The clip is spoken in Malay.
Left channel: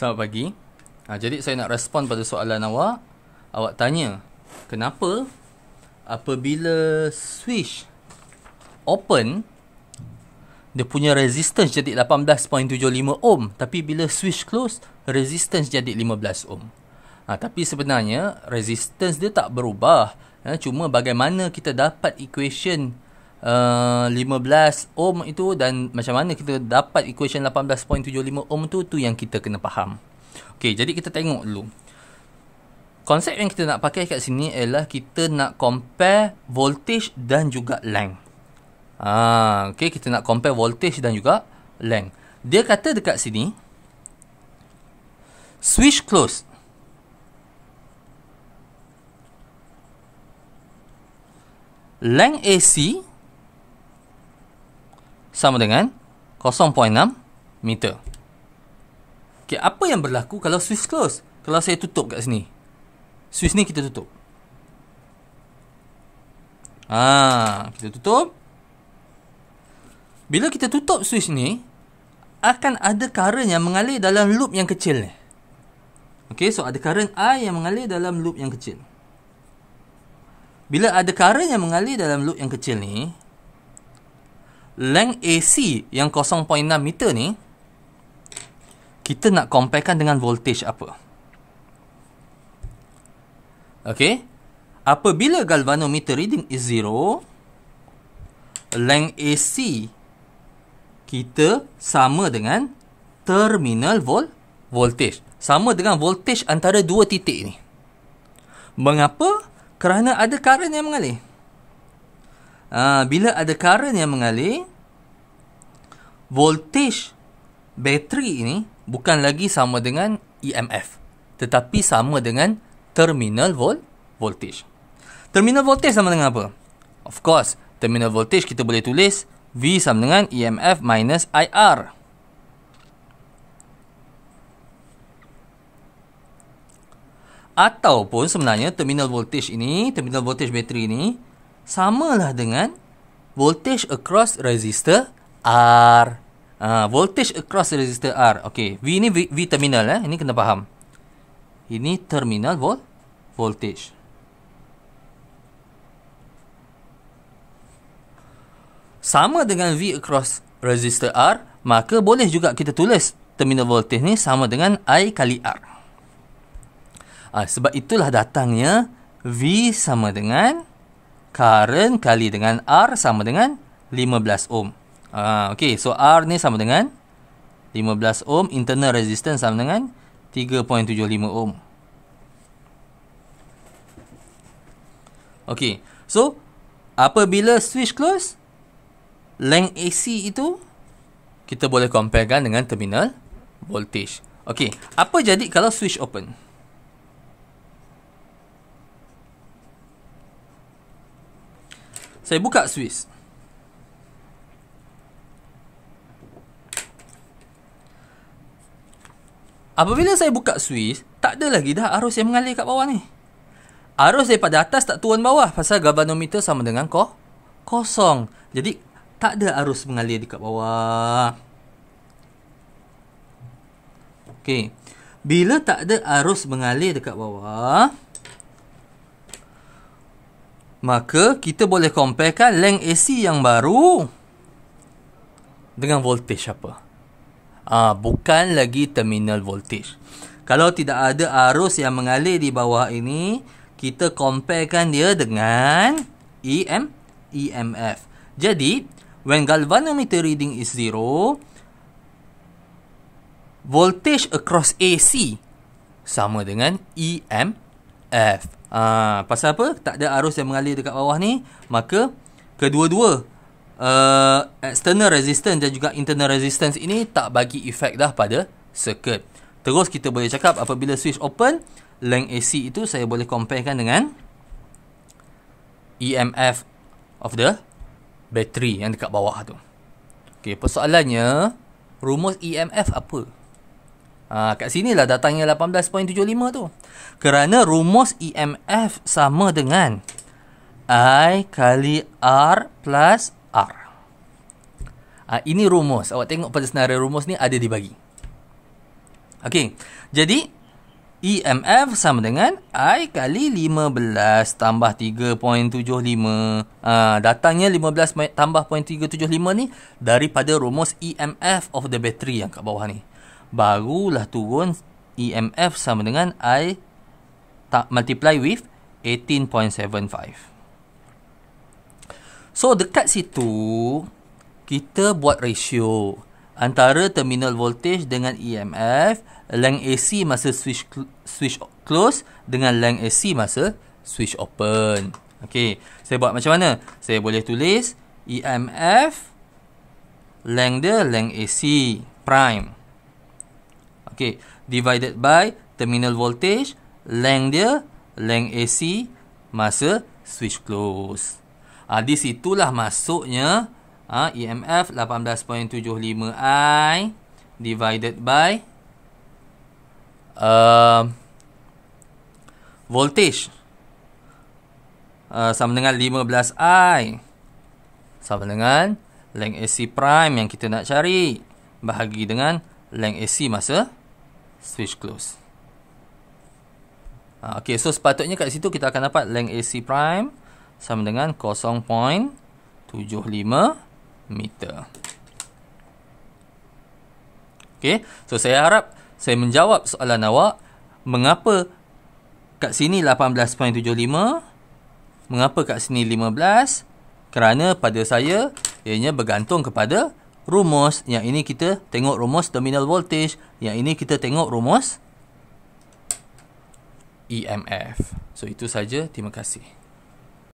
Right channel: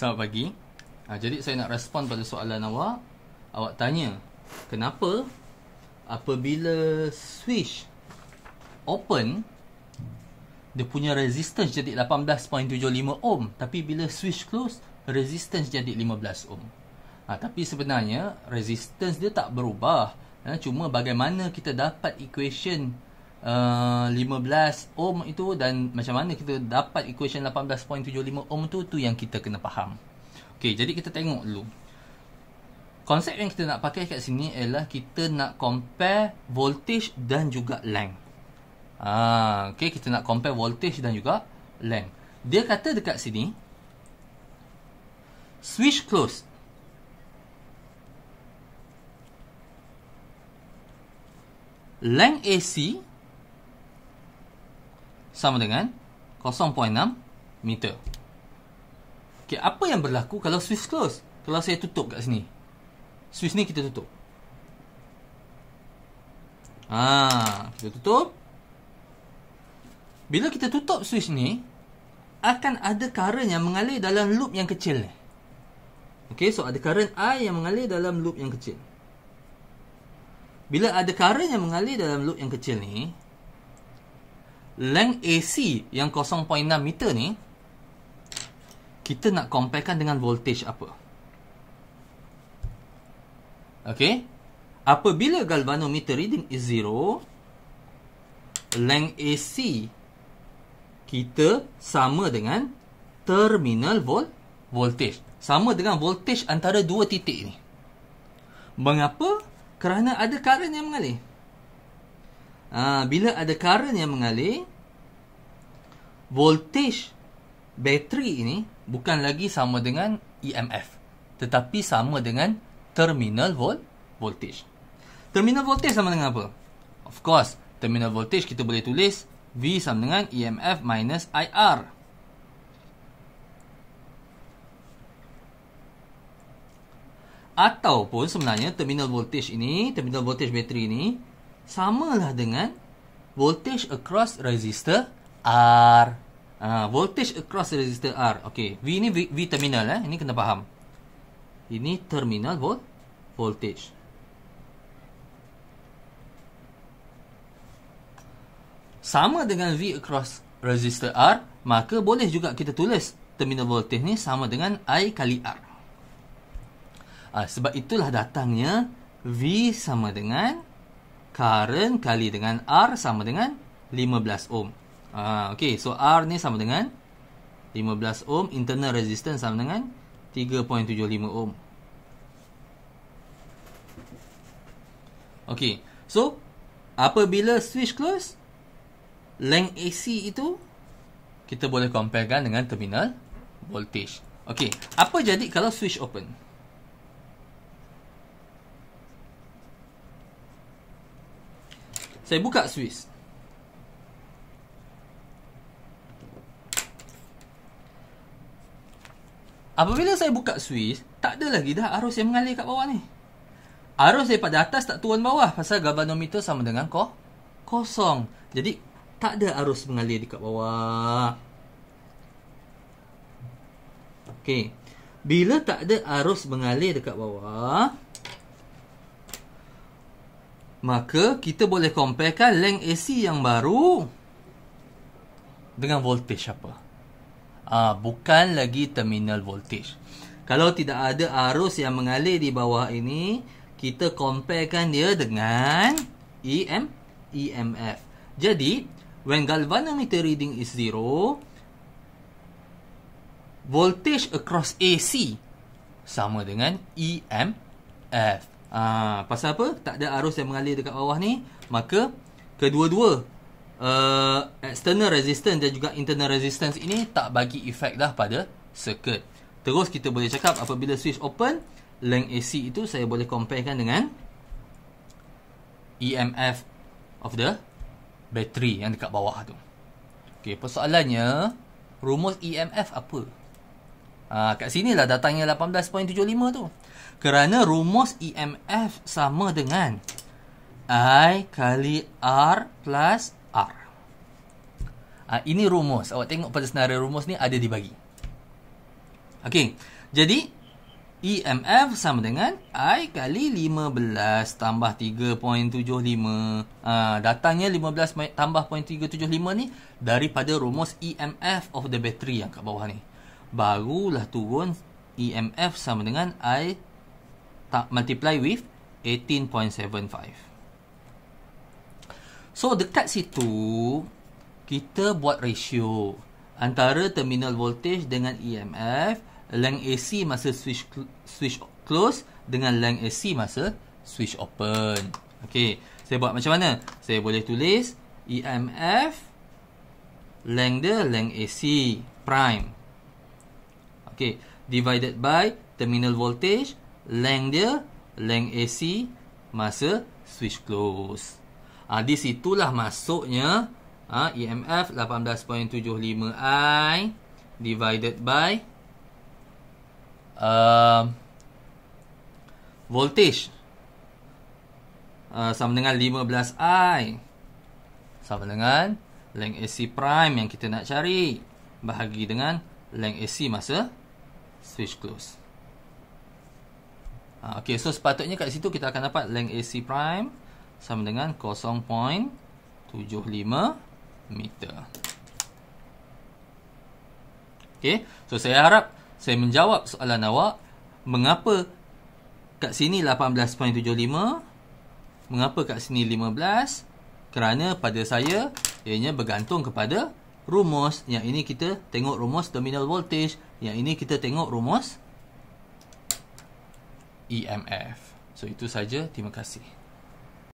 Selamat pagi. Jadi saya nak respon pada soalan awak. Awak tanya, kenapa apabila switch open, dia punya resistance jadi 18.75 ohm, tapi bila switch close, resistance jadi 15 ohm. Tapi sebenarnya resistance dia tak berubah. Cuma bagaimana kita dapat equation 15 ohm itu dan macam mana kita dapat equation 18.75 ohm tu yang kita kena faham. Okey, jadi kita tengok dulu. Konsep yang kita nak pakai kat sini ialah kita nak compare voltage dan juga length. Okey, kita nak compare voltage dan juga length. Dia kata dekat sini switch close. Length AC sama dengan 0.6 meter. Okay, apa yang berlaku kalau switch close? Kalau saya tutup kat sini, switch ni kita tutup. Kita tutup. Bila kita tutup switch ni, akan ada current yang mengalir dalam loop yang kecil ni. Okay, so ada current I yang mengalir dalam loop yang kecil. Bila ada current yang mengalir dalam loop yang kecil ni, length AC yang 0.6 meter ni, kita nak comparekan dengan voltage apa? Okay. Apabila galvanometer reading is 0, length AC kita sama dengan terminal voltage. Sama dengan voltage antara dua titik ni. Mengapa? Kerana ada current yang mengalir. Bila ada current yang mengalir, voltage bateri ini bukan lagi sama dengan EMF, tetapi sama dengan terminal voltage. Terminal voltage sama dengan apa? Of course, terminal voltage kita boleh tulis V sama dengan EMF minus IR. Ataupun sebenarnya terminal voltage ini, terminal voltage bateri ini samalah dengan voltage across resistor R. Voltage across resistor R. Okey, V ni V terminal ini kena faham. Ini terminal voltage. Sama dengan V across resistor R, maka boleh juga kita tulis terminal voltage ni sama dengan I kali R. Sebab itulah datangnya V sama dengan current kali dengan R sama dengan 15 ohm. Okey, so R ni sama dengan 15 ohm, internal resistance sama dengan 3.75 ohm. Okey, so apabila switch close, length AC itu kita boleh comparekan dengan terminal voltage. Okey, apa jadi kalau switch open? Saya buka switch. Apabila saya buka switch, tak ada lagi dah arus yang mengalir kat bawah ni. Arus daripada atas tak turun bawah pasal galvanometer sama dengan kosong. Jadi tak ada arus mengalir dekat bawah. Okey. Bila tak ada arus mengalir dekat bawah, maka kita boleh comparekan length AC yang baru dengan voltage apa? Bukan lagi terminal voltage. Kalau tidak ada arus yang mengalir di bawah ini, kita comparekan dia dengan EMF. Jadi, when galvanometer reading is 0, voltage across AC sama dengan EMF. Pasal apa? Tak ada arus yang mengalir dekat bawah ni, maka kedua-dua external resistance dan juga internal resistance ini tak bagi efek dah pada circuit. Terus kita boleh cakap apabila switch open, length AC itu saya boleh comparekan dengan EMF of the battery yang dekat bawah tu. Okey, persoalannya rumus EMF apa? Kat sinilah datangnya 18.75 tu. Kerana rumus EMF sama dengan I kali R plus R. Ini rumus. Awak tengok pada senarai rumus ni ada dibagi. Okey. Jadi EMF sama dengan I kali 15 tambah 3.75. Datangnya 15 tambah 0.375 ni daripada rumus EMF of the battery yang kat bawah ni. Barulah turun EMF sama dengan I multiply with 18.75. So dekat situ kita buat ratio antara terminal voltage dengan EMF, length AC masa switch close dengan length AC masa switch open. Okey, saya buat macam mana? Saya boleh tulis EMF length dia length AC prime. Okey, divided by terminal voltage length dia length AC masa switch close. Di situlah masuknya EMF 18.75 I divided by voltage sama dengan 15 I sama dengan length AC prime yang kita nak cari bahagi dengan length AC masa switch close. Okey, so sepatutnya kat situ kita akan dapat length AC prime sama dengan 0.75 meter. Okey, so saya harap saya menjawab soalan awak. Mengapa kat sini 18.75? Mengapa kat sini 15? Kerana pada saya ianya bergantung kepada rumus. Yang ini kita tengok rumus terminal voltage, yang ini kita tengok rumus EMF. So itu saja, terima kasih.